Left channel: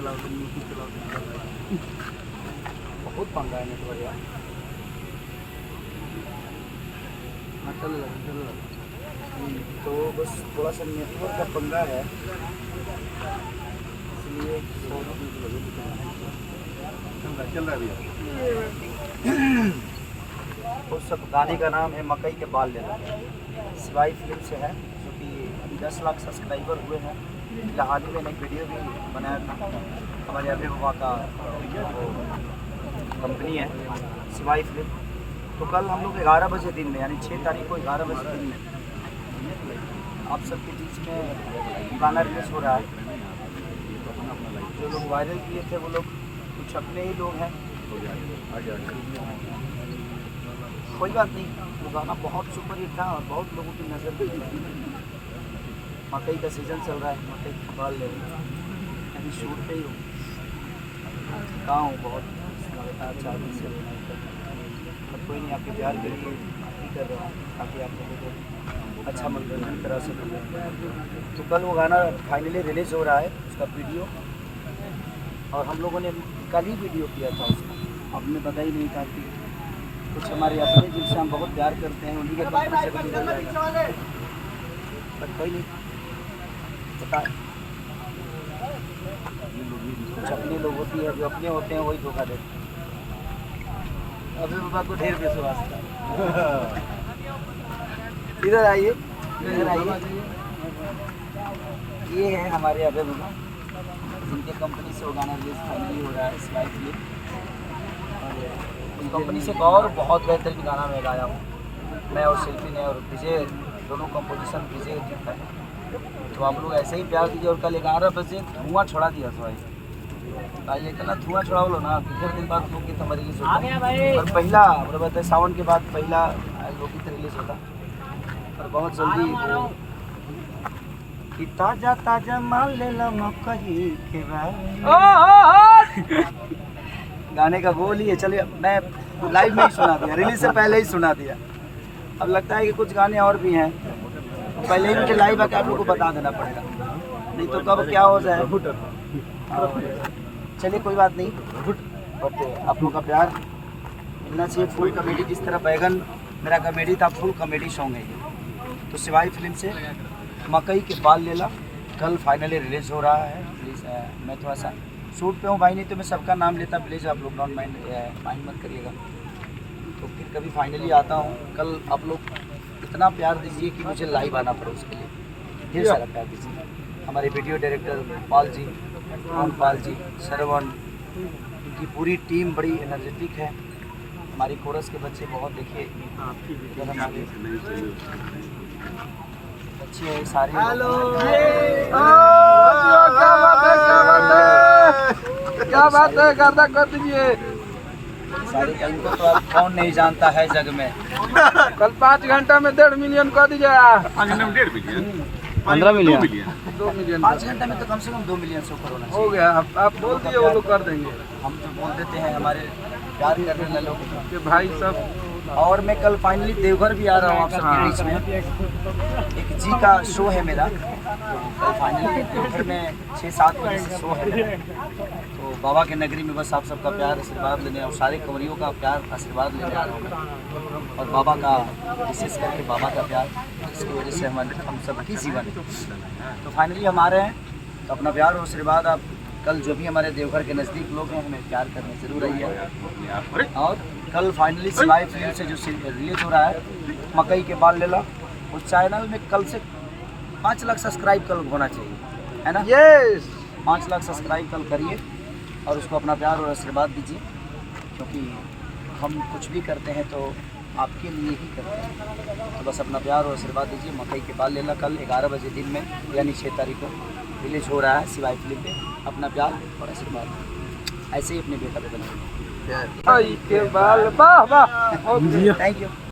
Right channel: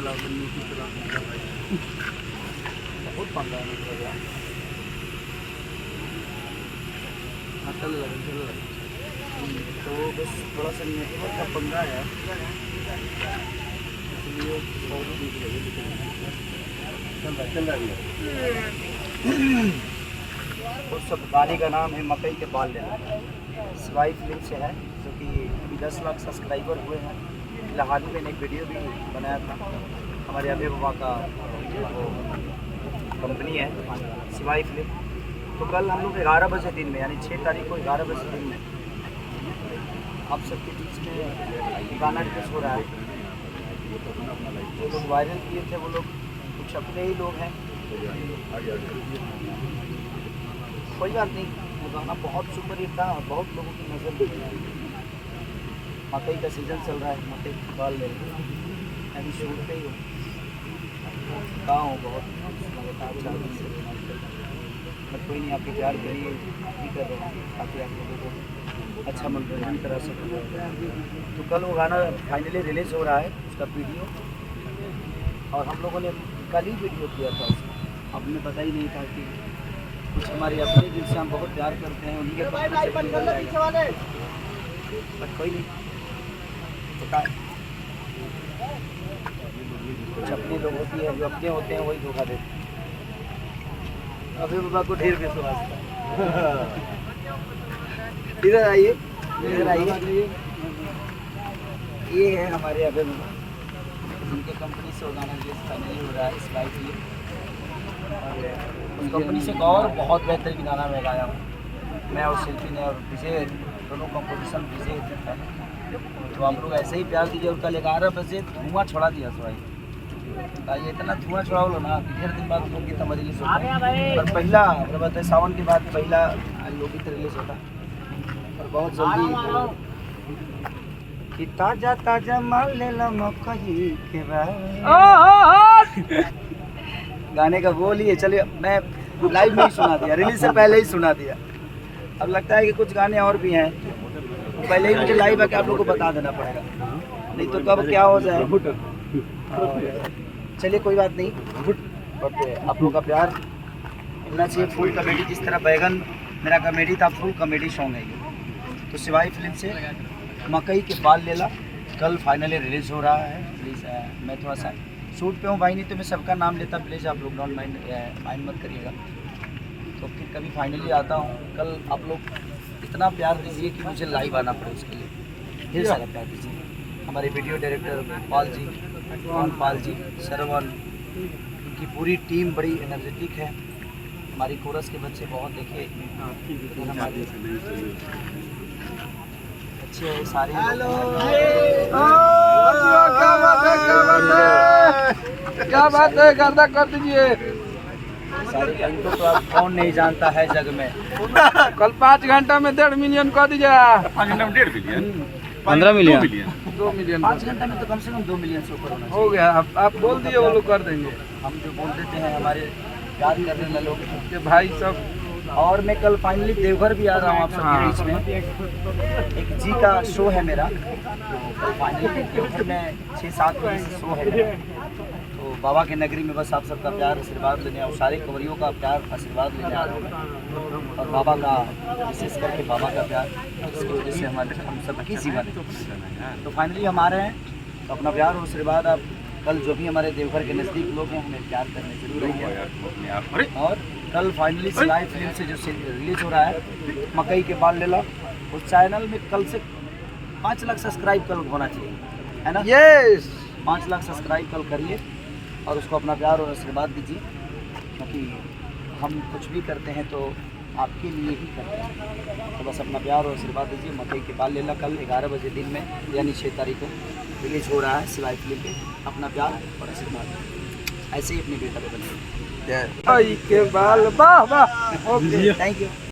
चला नीति चला बहुत पंगा है नेटवर्क यार। हाँ चल रहा तो बस थोड़ा सा नेटवर्क का पंगा है, इसलिए चल रहा है भैया। उस सब गाने का नाम है मकई के बाल लेना, शिवाई फिल्म से है, जो कि अभी 10 लाख सब्सक्राइबर हुए हैं। फिलहाल ही मैंने एक वीडियो भी बनाया था, हमारे अभय बाबा का कंपनी है शिवाई फिल्म। तो कल हम लोग 11 बजे दिन में, यानी 6 तारीख को 11 बजे दिन में आप सबके बीच में गाना रिलीज हो रहा है। जो लोग वायरल किए थे वो लोग कुछ अपने ही लोग हैं, कोई बात नहीं। वो गाना बहुत सुपर हिट था और बहुत लोगों की नज़र भी थी। मकई का सीज़न चल रहा है, मकई के बाल ले रहे हैं, अभी शूट पे ही हूँ, कहाँ हूँ बहुत लगातार 4 दिन से नहीं कर रहा, बट कोई नहीं, आपके प्यार के लिए भी कर रहा हूँ ताकि आप लोगों को अच्छा मनोरंजन करा सकूँ। तो कल वो गाना फाइनली रिलीज़ हो रहा है, उसका वीडियो, और हम लोगों ने कल ही वीडियो किया था उसका। आपने पता ही नहीं था कि कुछ हमारे अपने जिनसे हम बहुत प्यार करते हैं उन्हीं के कंपनी से भी निकल जाएगा, बट कोई नहीं, पता है कुछ अपने लोग होती है, जो अपने होते हैं वही धोखा देते हैं। अभी बाबा को ढेर विश्वास था। इधर आइए, इधर आइए, ये है हमारे अभय बाबा, उनके कंपनी से वो गाना रिलीज फाइनली हो रहा है शिवाई फिल्म। और उस कंपनी से एक और बहुत बेहतरीन गाना मैं गाया हूँ, मैं और शिल्पी ने और विजय, दोनों कंपोजिशन विजय है। तो आप लोग ऐसे ही प्यार दीजिए। और कल 11 बजे धुआं छोड़ा दिया तो ये इतना धुआं छोड़ा लो ना कि फिर दिन बाद लोकगीत हमारी रिलीज होता है। और पहला मतलब सावन के बाद पहला लोकगीत रिलीज होता है, और बहुत जल्दी कि ताजा ताजा माल ले लो मकई के बाल। गाने का बोल ही है, चलिए मैं लाइव में ही सुना दिया, रिलीज से पहले ही सुना दिया। अब लगता है कि कुछ गाने और भी हैं, पहले ही मुझे लाइव आके आप लोगों को बता देना पड़ेगा, नहीं तो कब क्या हो जाए। चलिए कोई बात नहीं, बट आप लोगों का प्यार मिलना चाहिए। फुल कॉमेडी, जिस तरह बैगन मेरा कॉमेडी था, फुल कॉमेडी सॉन्ग है ये। तो शिवाई फिल्म से मकई के बाल लेला कल फाइनली रिलीज़ हो रहा है। प्लीज़ मैं थोड़ा सा शूट पे हूँ भाई, नहीं तो मैं सबका नाम लेता, प्लीज़ आप लोग डोंट माइंड मत करिएगा। तो फिर कभी फाइनली आता हूँ। कल आप लोग इतना प्यार दीजिए कि मुझे लाइव आना पड़े, उसके लिए ढेर सारा प्यार दीजिए। हमारे वीडियो डायरेक्टर पाल जी, मोहन पाल जी, श्रवण, उनकी पूरी टीम बड़ी एनर्जेटिक है। हमारी कोरस के बच्चे बहुत देखे, इधर हमारे अच्छे हैं सारे। क्या बात है, गर्दा कर दीजिए सारे। इनको तो आप कौन नहीं जानता है जग में। कल 5 घंटा में 1.5 मिलियन कर दीजिए। 15 मिलियन 2 मिलियन 5 घंटे में तो कम से कम 2 मिलियन से ऊपर होना हो चाहिए। गया। आप बोल दिए, वो लोग कर देंगे। हम जो बोल देते हैं हमारे प्यार करने वाले लोग के भाई सब। और मैं कल फाइनली देवघर भी आ रहा हूँ आप सबके बीच में। एक जी का शो है मेरा, तो कल फाइनली देवघर में 6-7 बजे से शो है मेरा। तो बाबा के नगरी में बस आप सबका प्यार आशीर्वाद लेने और सारे कंवरियों का प्यार आशीर्वाद लेने आ रहा हूँ मैं। और बाबा का, विशेष करके बाबा का प्यार, जिसकी वजह से हम सबकी जीवन है। तो फाइनली हम आ रहे हैं, तो अपना प्यार और आशीर्वाद आप कल जो भी हमारे देवघर के नज़दीक लोग हैं हमें प्यार करने जरूर रहिए। और कल फाइनली शिवाई फिल्म से जो रिलीज हो रहा है मकई के बाल लेला, उस चैनल में कल से 5 लाख सब्सक्राइब कल होना चाहिए, है ना? यस, 5 लाख सब्सक्राइब कल करिए और उसको अपना प्यार और आशीर्वाद दीजिए, क्योंकि हम कुछ भी करते हैं तो आपके लिए ही करते हैं। तो बस अपना प्यार और आशीर्वाद दीजिए। मकई के बाल लेला कल 11 बजे दिन में, यानी 6 तारीख को रिलीज हो रहा है शिवाई फिल्म पे। अपना प्यार और आशीर्वाद ऐसे ही अपने बेटा पे बनाइए। के बाल, वाह वाह, थैंक यू।